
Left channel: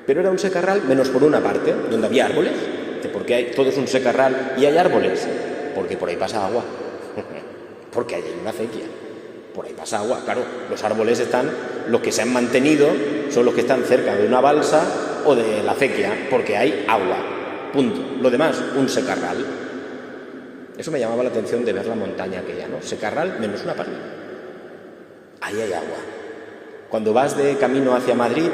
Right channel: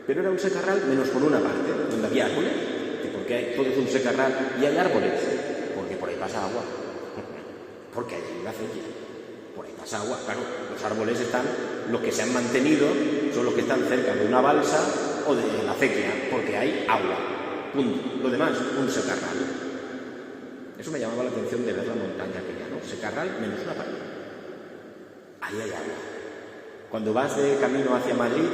Pero era un secarral menos por una parte, donde había árboles. ¿Por qué todo es un secarral y hay árboles? Porque por ahí pasa agua. Porque hay una acequia. Por ahí pasa agua, claro. Los árboles están, los que se han mantenido, son los que están cerca de una balsa o de la acequia, porque hay agua. Punto. Lo demás, un secarral. Eso me llamaba la atención de ver la montaña aquella, ¿no? Secarral menos una parte. Ahí hay agua. Cuando vas de camino hacia Madrid,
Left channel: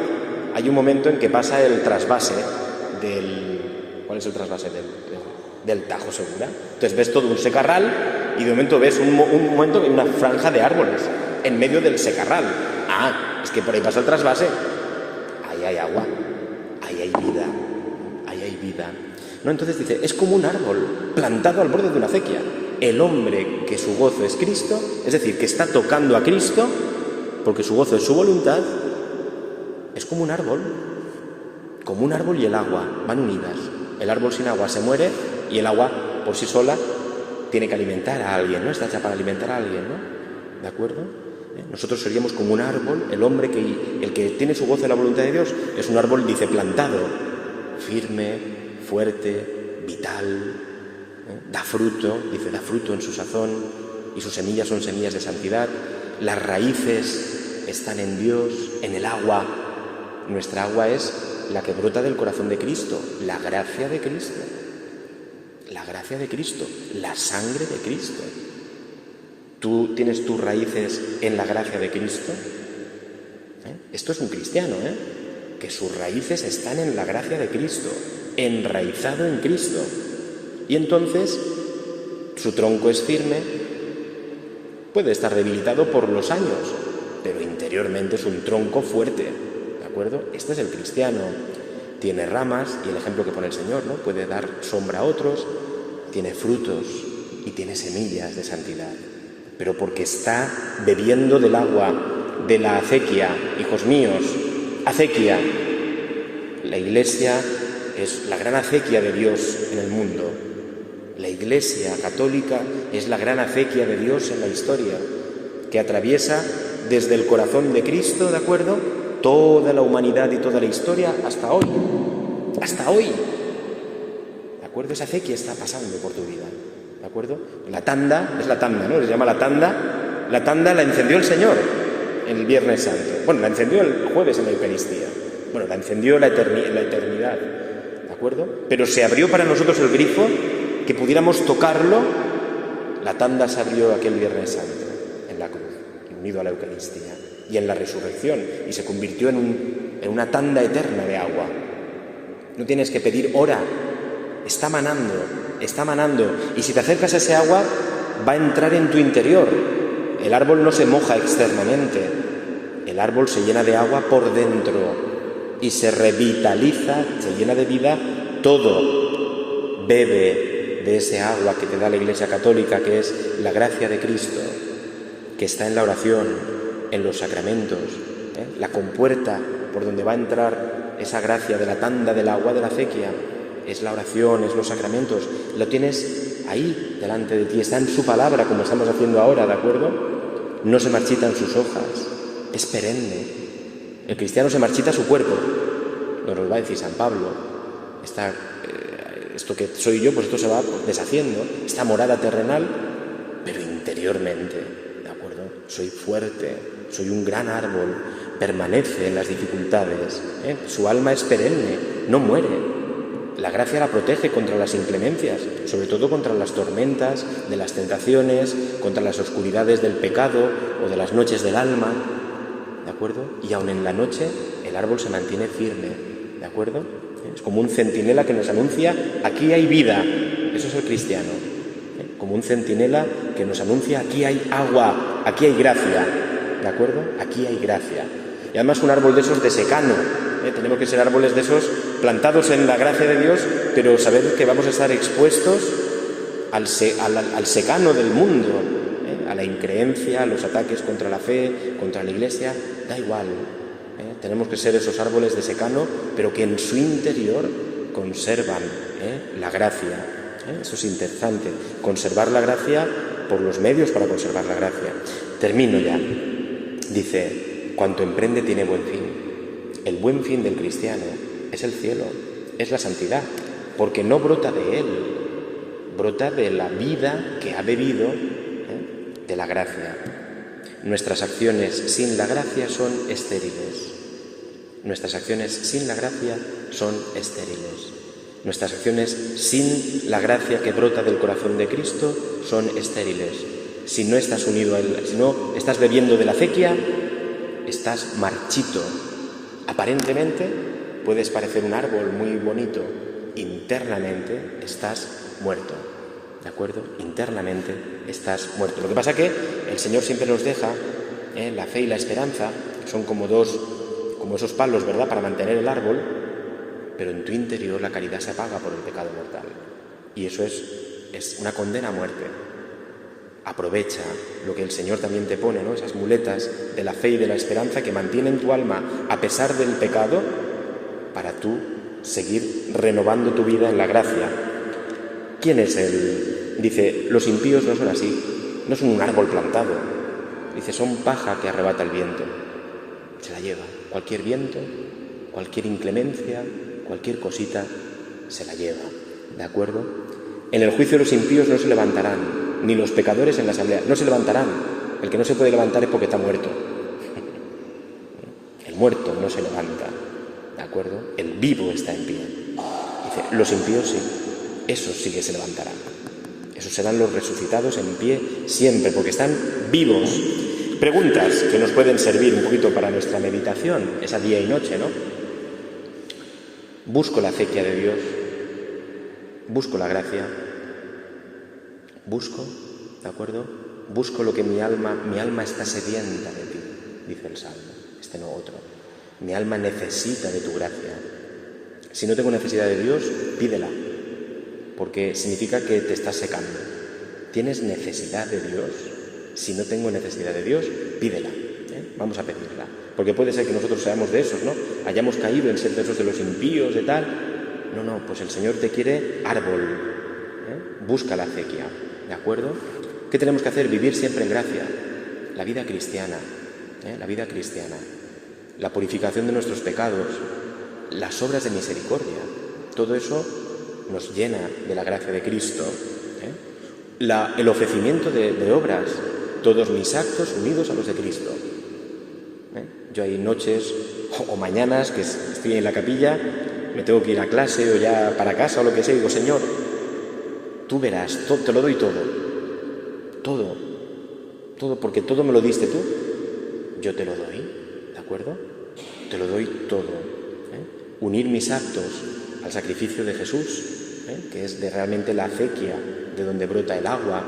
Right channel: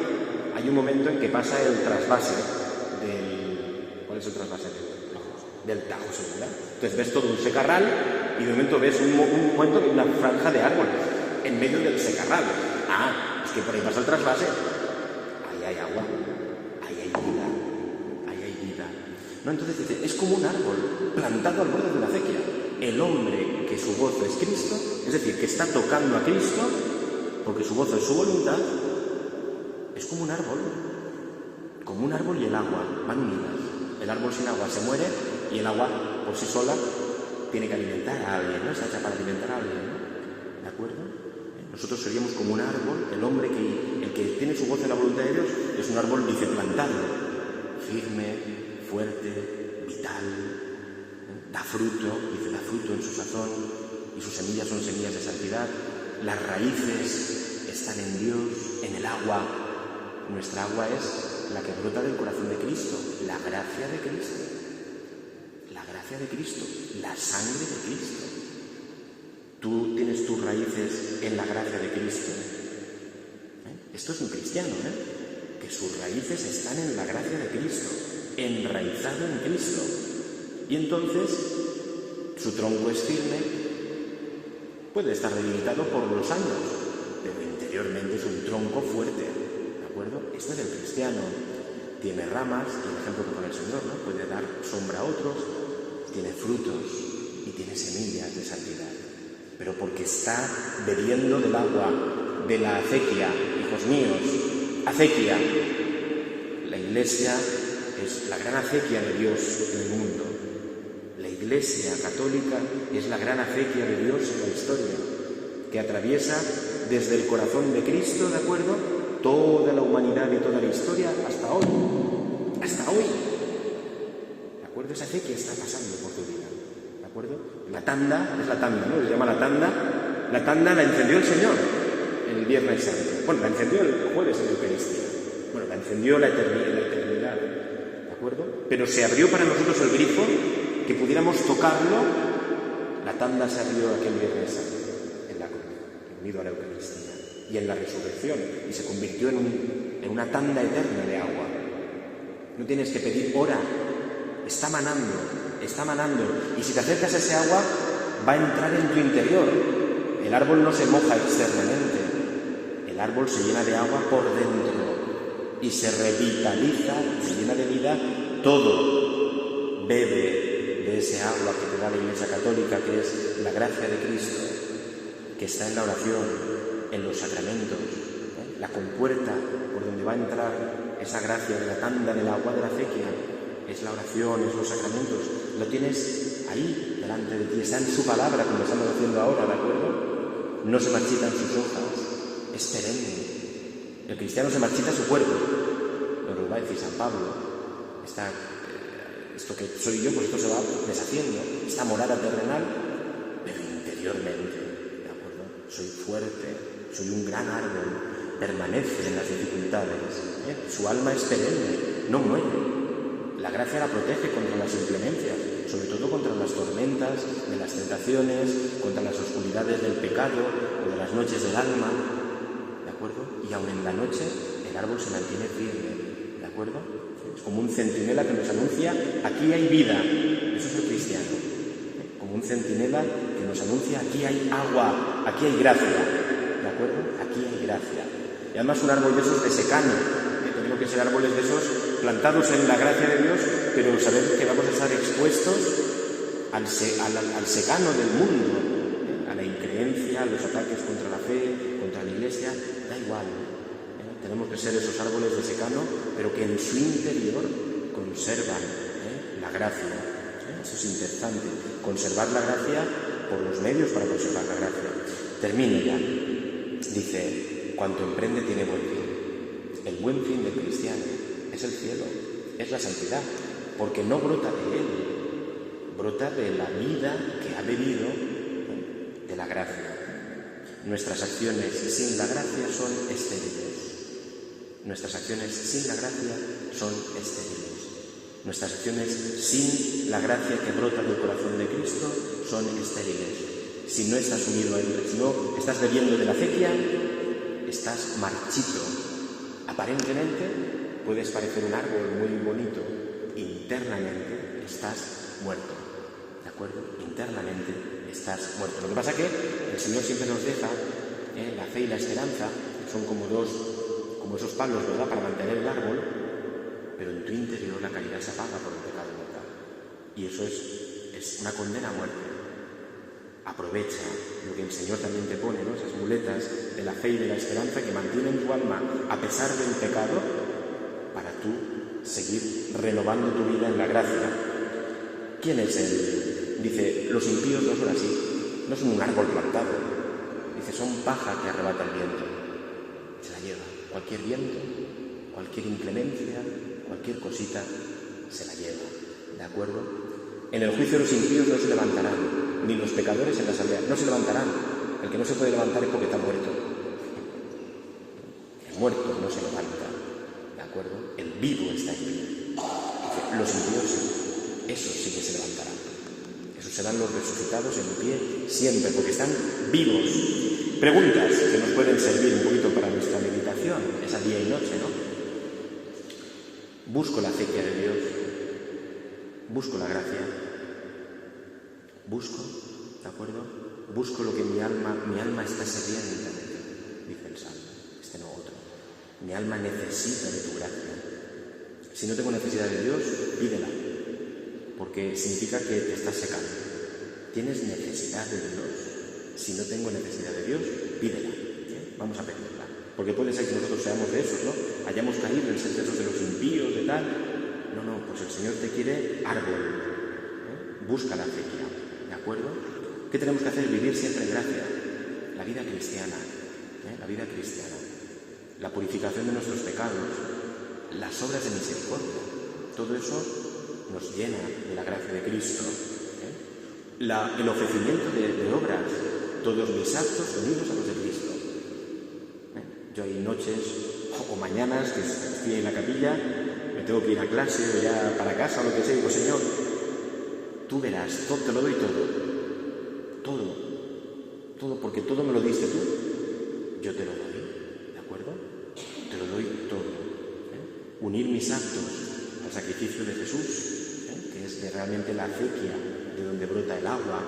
hay un momento en que pasa el trasvase del... ¿Cuál es el trasvase? Del Tajo Segura. Entonces ves todo un secarral y de momento ves un momento que hay una franja de árboles en medio del secarral. Ah, es que por ahí pasa el trasvase. Ahí hay agua, ahí hay vida, ahí hay vida. No, entonces dice, es como un árbol plantado al borde de una acequia. El hombre que su gozo es Cristo, es decir, que está tocando a Cristo, porque su gozo es su voluntad, es como un árbol y el agua van unidas. El árbol sin agua se muere y el agua por sí sola tiene que alimentar a alguien, ¿no? Está hecha para alimentar a alguien, ¿no? ¿De acuerdo? Nosotros seríamos como un árbol, el hombre el que tiene su gozo en la voluntad de Dios es un árbol, dice, plantado, firme, fuerte, vital, da fruto, dice, da fruto en su sazón y sus semillas son semillas de santidad. Las raíces están en Dios, en el agua. Nuestra agua es la que brota del corazón de Cristo, la gracia de Cristo. La gracia de Cristo, la sangre de Cristo. ¿Tú tienes tus raíces en la gracia de Cristo? Esto es un cristiano, que sus raíces están en la gracia de Cristo, enraizado en Cristo. Y entonces su tronco es firme, puede estar debilitado por los años, pero interiormente es un tronco fuerte, ¿de acuerdo? Este es el cristiano. Tiene ramas, y el ejemplo que pone el Señor, ¿no? Puede dar sombra a otros, tiene frutos y tiene semillas de santidad. Pero porque está bebiendo del agua de la acequia, hijos míos, acequia. La Iglesia es la gran acequia de Dios en el mundo. La Iglesia católica es la gran acequia de Dios en la historia, que atraviesa desde el corazón de Cristo, ¿de acuerdo?, toda la humanidad y toda la historia hasta hoy. Hasta hoy. ¿De acuerdo? Esa acequia está pasando por tu vida. ¿De acuerdo? La tanda, es la tanda, ¿no? Se llama la tanda. La tanda la encendió el Señor el Viernes Santo. Bueno, la encendió el jueves en la Eucaristía. Bueno, la encendió la eternidad. ¿De acuerdo? Pero se abrió para nosotros el grifo que pudiéramos tocarlo. La tanda se abrió aquel Viernes Santo en la cruz, unido a la Eucaristía y en la resurrección, y se convirtió en una tanda eterna de agua. No tienes que pedir hora, está manando, y si te acercas a ese agua, va a entrar en tu interior. El árbol no se moja externamente, el árbol se llena de agua por dentro y se revitaliza, se llena de vida todo. Bebe de ese agua que te da la Iglesia Católica, que es la gracia de Cristo, que está en la oración, en los sacramentos, la compuerta por donde va a entrar esa gracia de la tanda del agua de la acequia, es la oración, es los sacramentos. Lo tienes ahí, delante de ti, está en su palabra, como estamos haciendo ahora, ¿de acuerdo? No se marchitan sus hojas, es perenne. El cristiano se marchita su cuerpo, nos lo va a decir San Pablo. Esto que soy yo, pues esto se va deshaciendo, esta morada terrenal, pero interiormente, ¿de acuerdo? Soy fuerte, soy un gran árbol, permanece en las dificultades, su alma es perenne, no muere. La gracia la protege contra las inclemencias, sobre todo contra las tormentas de las tentaciones, contra las oscuridades del pecado o de las noches del alma, ¿de acuerdo? Y aun en la noche el árbol se mantiene firme, ¿de acuerdo? Es como un centinela que nos anuncia, aquí hay vida. Eso es el cristiano. Como como un centinela que nos anuncia: aquí hay agua, aquí hay gracia, ¿de acuerdo? Aquí hay gracia. Y además un árbol de esos de secano, tenemos que ser árboles de esos plantados en la gracia de Dios, pero saber que vamos a estar expuestos al secano del mundo, a la increencia, a los ataques contra la fe, contra la Iglesia, da igual. Tenemos que ser esos árboles de secano, pero que en su interior conservan la gracia. Eso es interesante, conservar la gracia por los medios para conservar la gracia. Termino ya. Dice: cuanto emprende tiene buen fin. El buen fin del cristiano es el cielo, es la santidad, porque no brota de él, brota de la vida que ha bebido de la gracia. Nuestras acciones sin la gracia son estériles. Nuestras acciones sin la gracia son estériles. Nuestras acciones sin la gracia que brota del corazón de Cristo son estériles. Si no estás unido a Él, si no estás bebiendo de la acequia, estás marchito. Aparentemente puedes parecer un árbol muy bonito. Internamente estás muerto. ¿De acuerdo? Internamente estás muerto. Lo que pasa es que el Señor siempre nos deja la fe y la esperanza, que son como esos palos, ¿verdad?, para mantener el árbol, pero en tu interior la caridad se apaga por el pecado mortal. Y eso es una condena a muerte. Aprovecha lo que el Señor también te pone, ¿no?, esas muletas de la fe y de la esperanza que mantienen tu alma a pesar del pecado, para tú seguir renovando tu vida en la gracia. ¿Quién es Él? Dice: los impíos no son así, no son un árbol plantado. Dice: son paja que arrebata el viento. Se la lleva. Cualquier viento, cualquier inclemencia, cualquier cosita, se la lleva. ¿De acuerdo? En el juicio los impíos no se levantarán, ni los pecadores en la asamblea. No se levantarán. El que no se puede levantar es porque está muerto. El muerto no se levanta. ¿De acuerdo? El vivo está en pie. Dice: los impíos sí. Esos sí que se levantarán. Esos serán los resucitados en pie siempre, porque están vivos. Preguntas que nos pueden servir un poquito para nuestra meditación, esa día y noche, ¿no? Busco la acequia de Dios, busco la gracia, busco, ¿de acuerdo? Busco lo que mi alma está sedienta de ti, dice el Salmo, no otro. Mi alma necesita de tu gracia. Si no tengo necesidad de Dios, pídela, porque significa que te estás secando. ¿Tienes necesidad de Dios? Si no tengo necesidad de Dios, pídela. Vamos a pedirla. Porque puede ser que nosotros seamos de esos, ¿no? Hayamos caído en ser de esos de los impíos, de tal. No, pues el Señor te quiere árbol. Busca la acequia, ¿de acuerdo? ¿Qué tenemos que hacer? Vivir siempre en gracia. La vida cristiana, la vida cristiana. La purificación de nuestros pecados, las obras de misericordia. Todo eso nos llena de la gracia de Cristo. El ofrecimiento de obras, todos mis actos unidos a los de Cristo. Yo hay noches o mañanas que estoy en la capilla, me tengo que ir a clase o ya para casa o lo que sea, y digo: Señor, tú verás, te lo doy todo, porque todo me lo diste tú, yo te lo doy, ¿de acuerdo? Te lo doy todo. Unir mis actos al sacrificio de Jesús, que es de realmente la acequia, de donde brota el agua,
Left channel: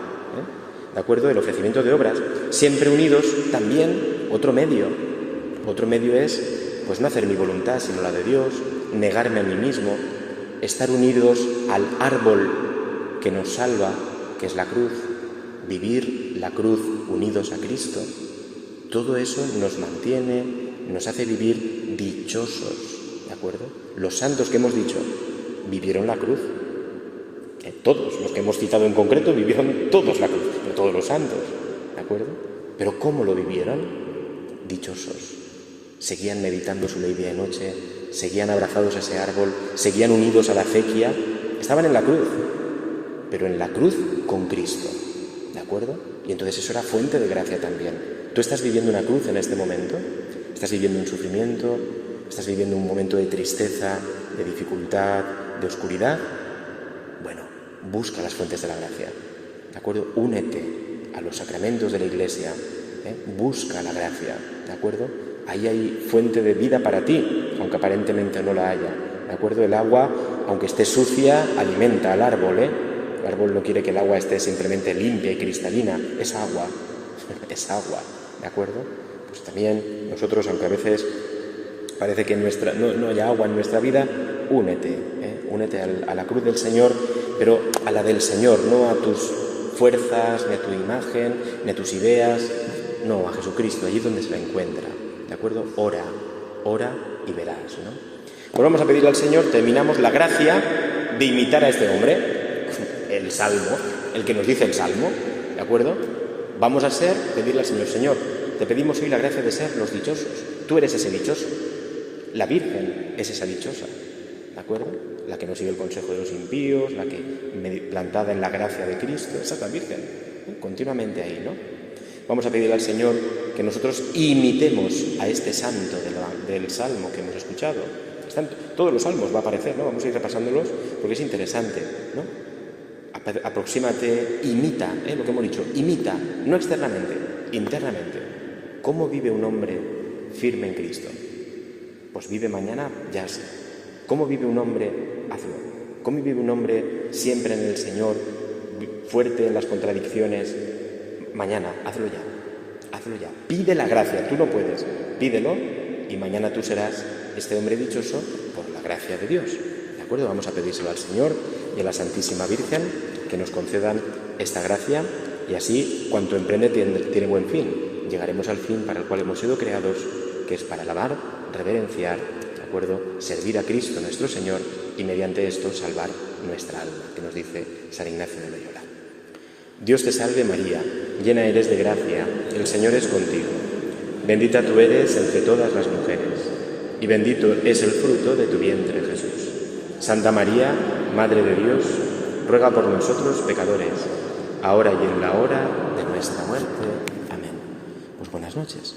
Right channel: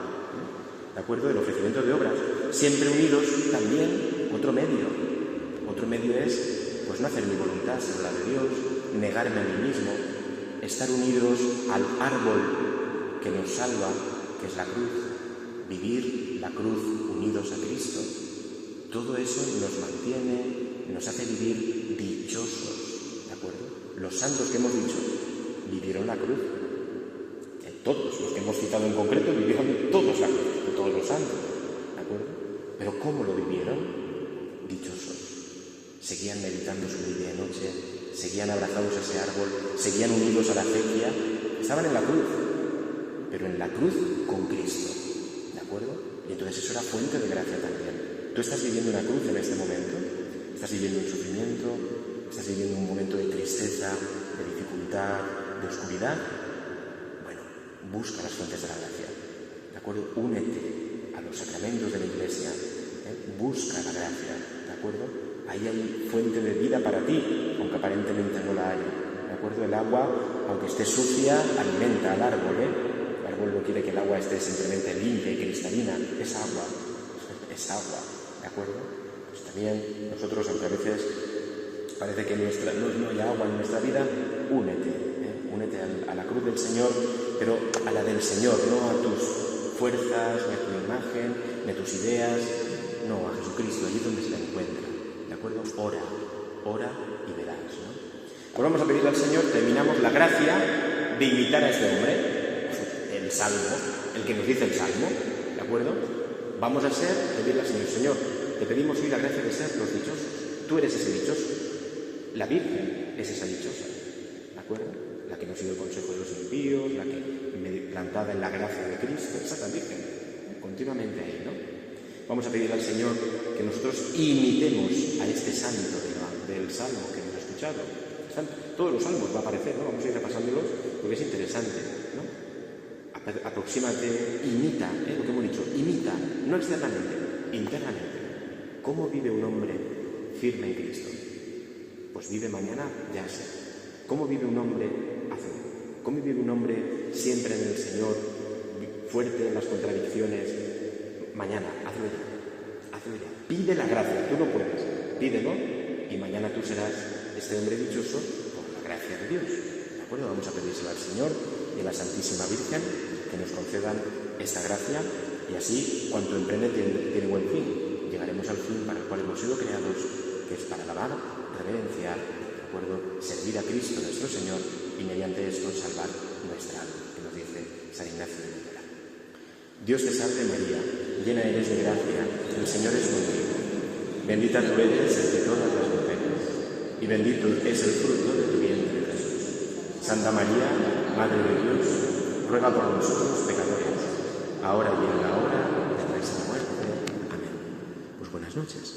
¿de acuerdo? El ofrecimiento de obras, siempre unidos también, otro medio es, pues, no hacer mi voluntad sino la de Dios, negarme a mí mismo, estar unidos al árbol que nos salva, que es la cruz, vivir la cruz unidos a Cristo. Todo eso nos mantiene, nos hace vivir dichosos, ¿de acuerdo? Los santos que hemos dicho vivieron la cruz. Todos los que hemos citado en concreto vivieron todos la cruz, de todos los santos, ¿de acuerdo? Pero ¿cómo lo vivieron? Dichosos. Seguían meditando su ley día y noche, seguían abrazados a ese árbol, seguían unidos a la acequia, estaban en la cruz, pero en la cruz con Cristo, ¿de acuerdo? Y entonces eso era fuente de gracia también. ¿Tú estás viviendo una cruz en este momento? ¿Estás viviendo un sufrimiento? ¿Estás viviendo un momento de tristeza, de dificultad, de oscuridad? Bueno, busca las fuentes de la gracia, ¿de acuerdo? Únete a los sacramentos de la Iglesia, busca la gracia, ¿de acuerdo? Ahí hay fuente de vida para ti, aunque aparentemente no la haya, ¿de acuerdo? El agua, aunque esté sucia, alimenta al árbol, árbol no quiere que el agua esté simplemente limpia y cristalina, es agua, ¿de acuerdo? Pues también nosotros, aunque a veces parece que no hay agua en nuestra vida, únete a la cruz del Señor, pero a la del Señor, no a tus fuerzas, ni a tu imagen, ni a tus ideas, no, a Jesucristo, allí donde se la encuentra, ¿de acuerdo? Ora y verás, ¿no? Pues vamos a pedirle al Señor, terminamos la gracia de imitar a este hombre, el Salmo, el que nos dice el Salmo, ¿de acuerdo? Vamos a pedirle al Señor, Señor, te pedimos hoy la gracia de ser los dichosos. Tú eres ese dichoso. La Virgen es esa dichosa, ¿de acuerdo? La que no sigue el consejo de los impíos, la que plantada en la gracia de Cristo, esa es la Virgen, continuamente ahí, ¿no? Vamos a pedirle al Señor que nosotros imitemos a este santo del Salmo que hemos escuchado. Todos los salmos va a aparecer, ¿no? Vamos a ir repasándolos porque es interesante, ¿no? Aproxímate, imita, lo que hemos dicho, imita, no externamente, internamente. ¿Cómo vive un hombre firme en Cristo? Pues vive mañana, ya sé. ¿Cómo vive un hombre? Hazlo. ¿Cómo vive un hombre siempre en el Señor, fuerte en las contradicciones? Mañana, hazlo ya. Pide la gracia, tú no puedes, pídelo y mañana tú serás este hombre dichoso por la gracia de Dios. ¿De acuerdo? Vamos a pedírselo al Señor y a la Santísima Virgen que nos concedan esta gracia y así cuanto emprende tiene buen fin. Llegaremos al fin para el cual hemos sido creados, que es para alabar, reverenciar, ¿de acuerdo? Servir a Cristo nuestro Señor y mediante esto salvar nuestra alma, que nos dice San Ignacio de Loyola. Dios te salve María, llena eres de gracia, el Señor es contigo. Bendita tú eres entre todas las mujeres, y bendito es el fruto de tu vientre, Jesús. Santa María, Madre de Dios, ruega por nosotros pecadores, ahora y en la hora de nuestra muerte. Amén. Pues buenas noches.